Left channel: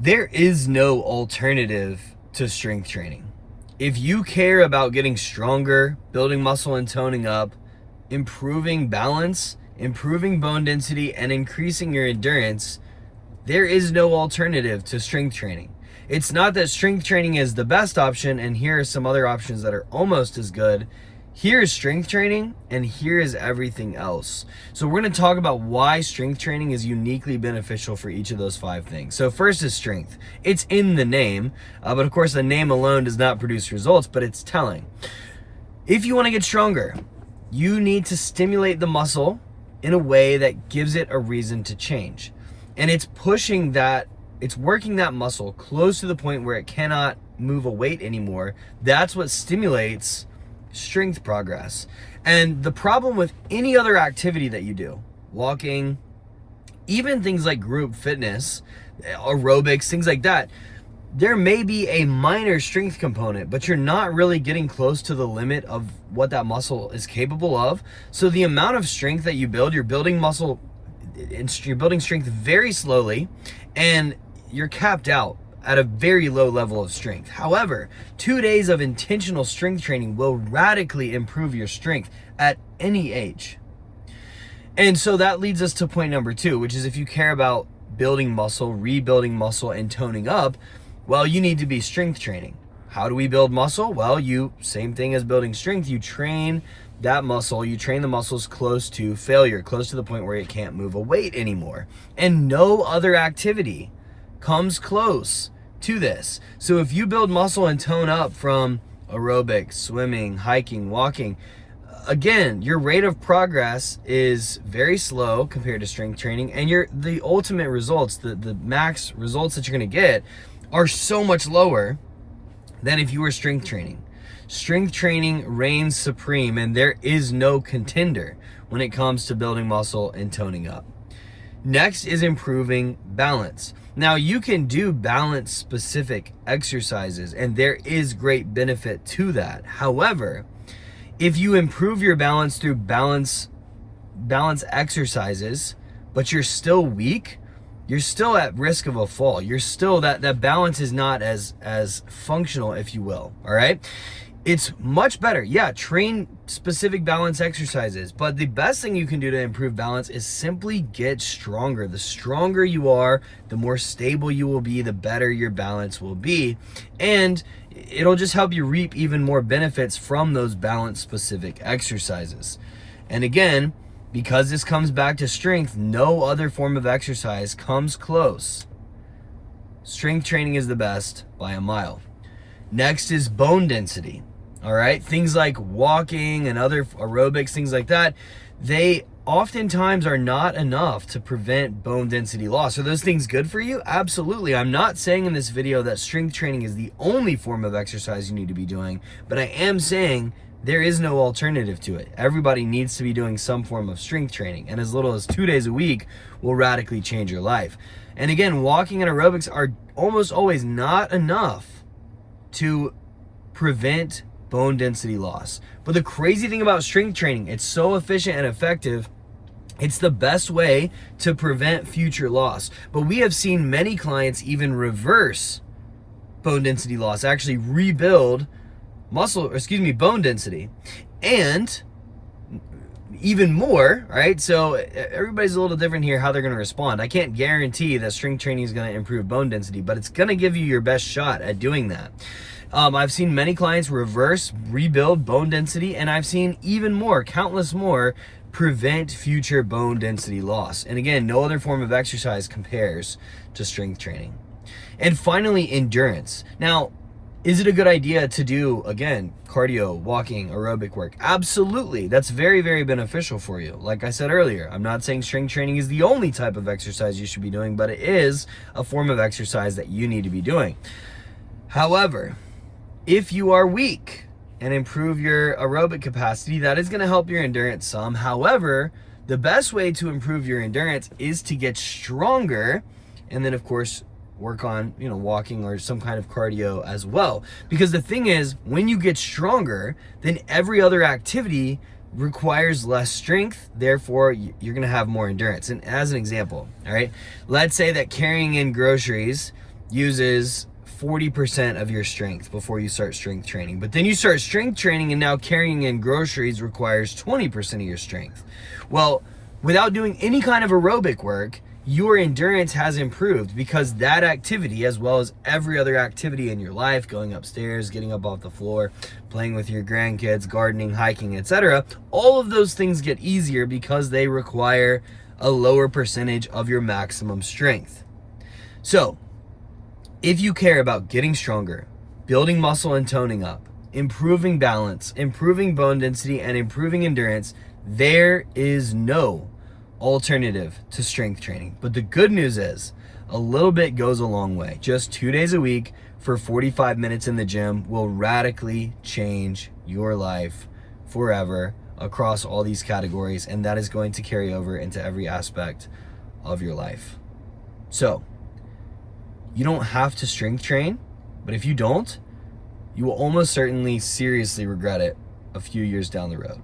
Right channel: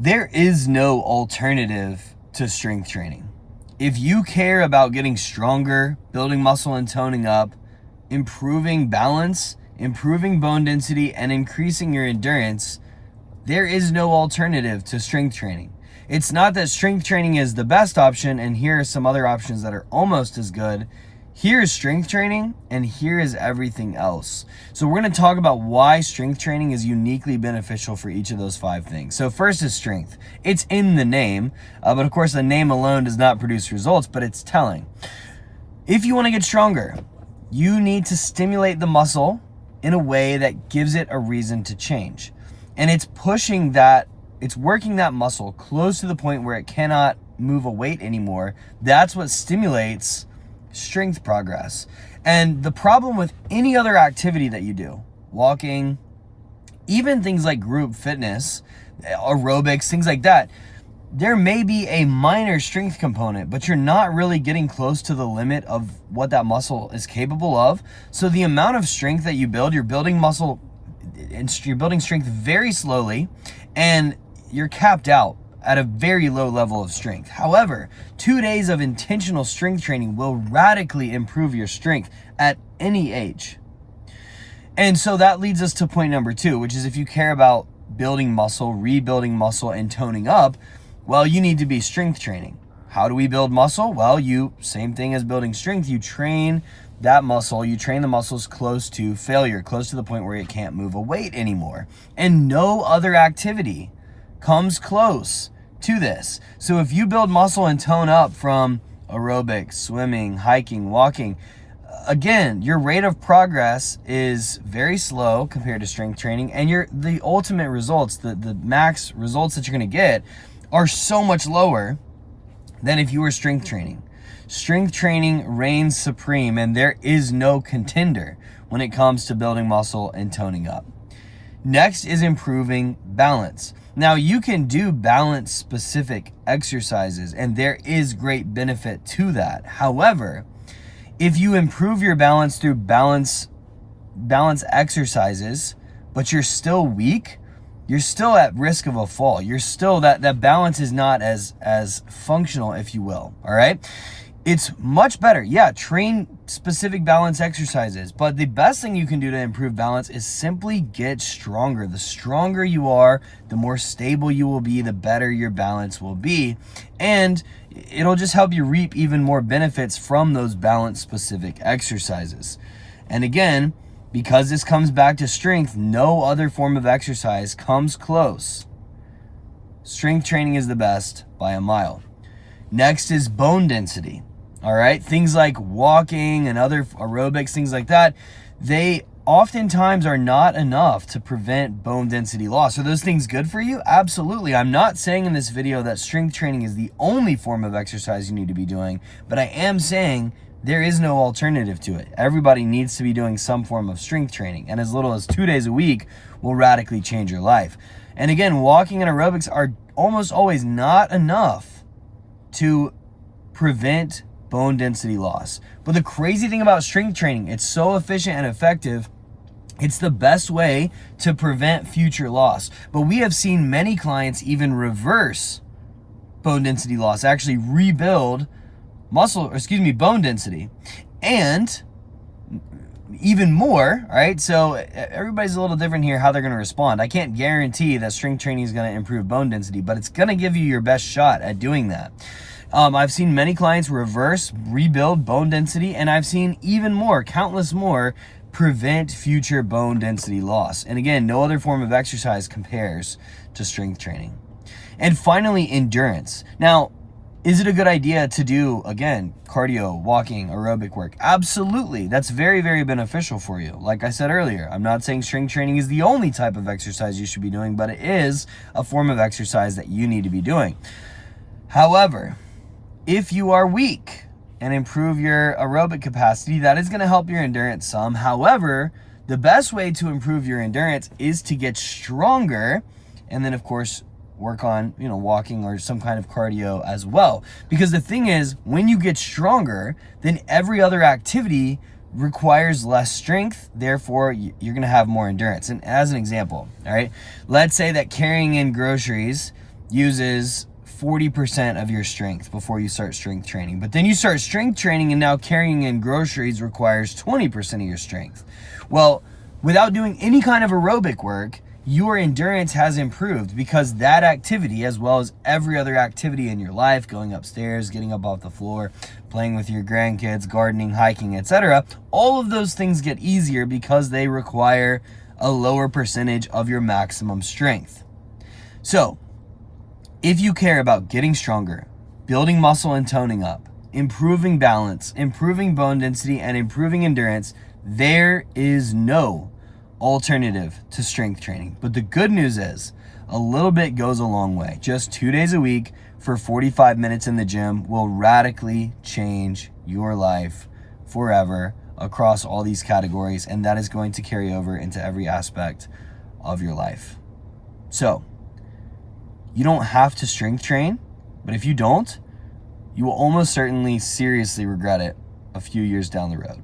There is no alternative to strength training. If you care about getting stronger, building muscle and toning up, improving balance, improving bone density, and increasing your endurance, there is no alternative to strength training. It's not that strength training is the best option and here are some other options that are almost as good. Here's strength training and here is everything else. So we're going to talk about why strength training is uniquely beneficial for each of those 5 things. So first is strength. It's in the name, but of course the name alone does not produce results, but it's telling. If you want to get stronger, you need to stimulate the muscle in a way that gives it a reason to change. And it's working that muscle close to the point where it cannot move a weight anymore. That's what stimulates strength progress. And the problem with any other activity that you do, walking, even things like group fitness, aerobics, things like that, there may be a minor strength component, but you're not really getting close to the limit of what that muscle is capable of. So the amount of strength that you build, you're building muscle and you're building strength very slowly, and you're capped out at a very low level of strength. However, 2 days of intentional strength training will radically improve your strength at any age. And so that leads us to point number 2, which is if you care about building muscle, rebuilding muscle, and toning up, well, you need to be strength training. How do we build muscle? Well, same thing as building strength, you train that muscle, you train the muscles close to failure, close to the point where it can't move a weight anymore. And no other activity comes close to this. So if you build muscle and tone up from aerobics, swimming, hiking, walking, again, your rate of progress is very slow compared to strength training, and the ultimate results, the max results that you're going to get are so much lower than if you were strength training. Strength training reigns supreme, and there is no contender when it comes to building muscle and toning up. Next is improving balance. Now, you can do balance-specific exercises, and there is great benefit to that. However, if you improve your balance through balance exercises, but you're still weak, you're still at risk of a fall. You're still, that balance is not as functional, if you will, all right? It's much better. Yeah, train specific balance exercises, but the best thing you can do to improve balance is simply get stronger. The stronger you are, the more stable you will be, the better your balance will be, and it'll just help you reap even more benefits from those balance specific exercises. And again, because this comes back to strength, no other form of exercise comes close. Strength training is the best by a mile. Next is bone density. All right, things like walking and other aerobics, things like that, they oftentimes are not enough to prevent bone density loss. Are those things good for you? Absolutely. I'm not saying in this video that strength training is the only form of exercise you need to be doing, but I am saying there is no alternative to it. Everybody needs to be doing some form of strength training, and as little as 2 days a week will radically change your life. And again, walking and aerobics are almost always not enough to prevent bone density loss. But the crazy thing about strength training, it's so efficient and effective, it's the best way to prevent future loss. But we have seen many clients even reverse bone density loss, actually rebuild bone density. And even more, right? So everybody's a little different here how they're going to respond. I can't guarantee that strength training is going to improve bone density, but it's going to give you your best shot at doing that. I've seen many clients rebuild bone density, and I've seen even more, countless more, prevent future bone density loss. And again, no other form of exercise compares to strength training. And finally, endurance. Now, is it a good idea to do, again, cardio, walking, aerobic work? Absolutely. That's very, very beneficial for you. Like I said earlier, I'm not saying strength training is the only type of exercise you should be doing, but it is a form of exercise that you need to be doing. However, if you are weak and improve your aerobic capacity, that is going to help your endurance some. However, the best way to improve your endurance is to get stronger, and then of course work on, walking or some kind of cardio as well. Because the thing is, when you get stronger, then every other activity requires less strength, therefore you're going to have more endurance. And as an example, all right, let's say that carrying in groceries uses 40% of your strength before you start strength training. But then you start strength training and now carrying in groceries requires 20% of your strength. Well, without doing any kind of aerobic work, your endurance has improved because that activity, as well as every other activity in your life, going upstairs, getting up off the floor, playing with your grandkids, gardening, hiking, etc., all of those things get easier because they require a lower percentage of your maximum strength. So, if you care about getting stronger, building muscle and toning up, improving balance, improving bone density, and improving endurance, there is no alternative to strength training. But the good news is a little bit goes a long way. Just 2 days a week for 45 minutes in the gym will radically change your life forever across all these categories, and that is going to carry over into every aspect of your life. So you don't have to strength train, but if you don't, you will almost certainly seriously regret it a few years down the road.